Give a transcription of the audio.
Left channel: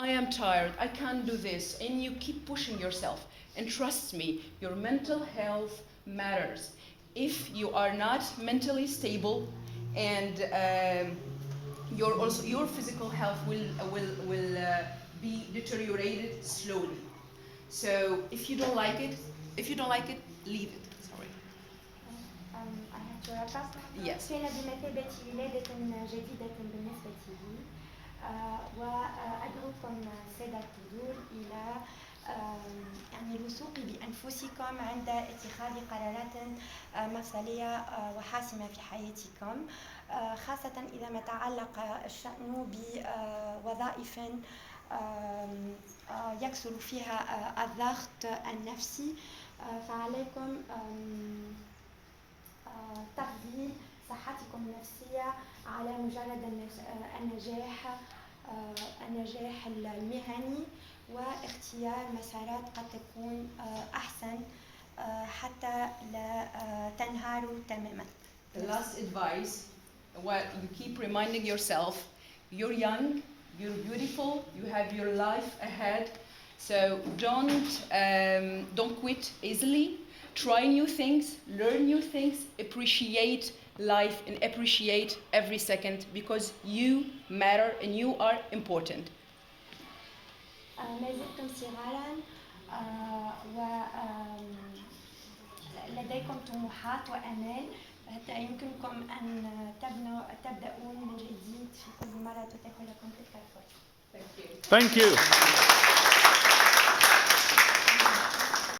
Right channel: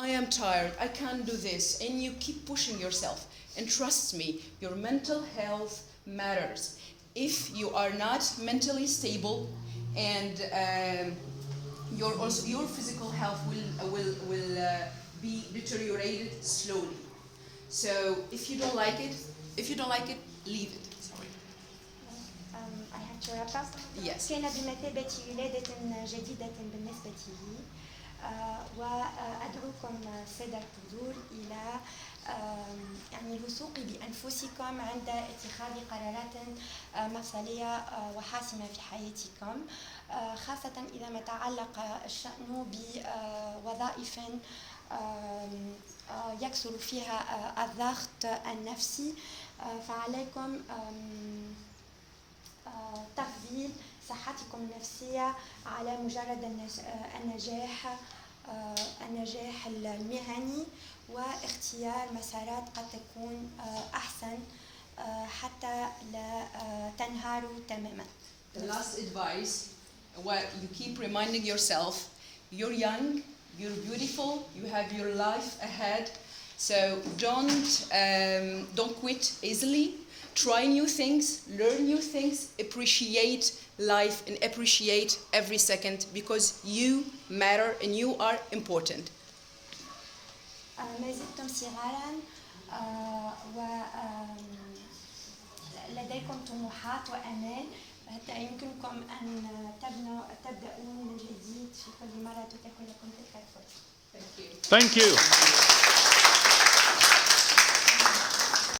I am tired, I can't do this, and you keep pushing yourself. And trust me, your mental health matters. If you are not mentally stable and your physical health will be deteriorated slowly. So if you don't like it, leave it. Sorry. I have to wrap up. Yes. كان بمثابة ولادة جديدة بالنسبة لي وأدعوكم سادة الحضور إلى يعني الوثوق بأنفسكم عند اتخاذ قرارات مفصلية وحاسمة في حياتكم خاصة إذا ما تعلق الشأن بوظائف يكثر فيها الضغط النفسي فعليكم تفضيل صحتكم النفسية على مجرد النجاح المهني واختيار مسارات قد تكون أحسن حتى لا تنهاروا تماما. The last advice, what you keep reminding yourself, you're young, you're beautiful, you have your life ahead, so don't quit easily. Try new things, learn new things, appreciate life and appreciate every second because you matter and you are important. ما زلتم صغارا ولديكم طموحات وآمال حتى يمكنكم أن تبدأوا من جديد في كل مرة تتاح لكم تلك الفرصة. Thank you. Thank you.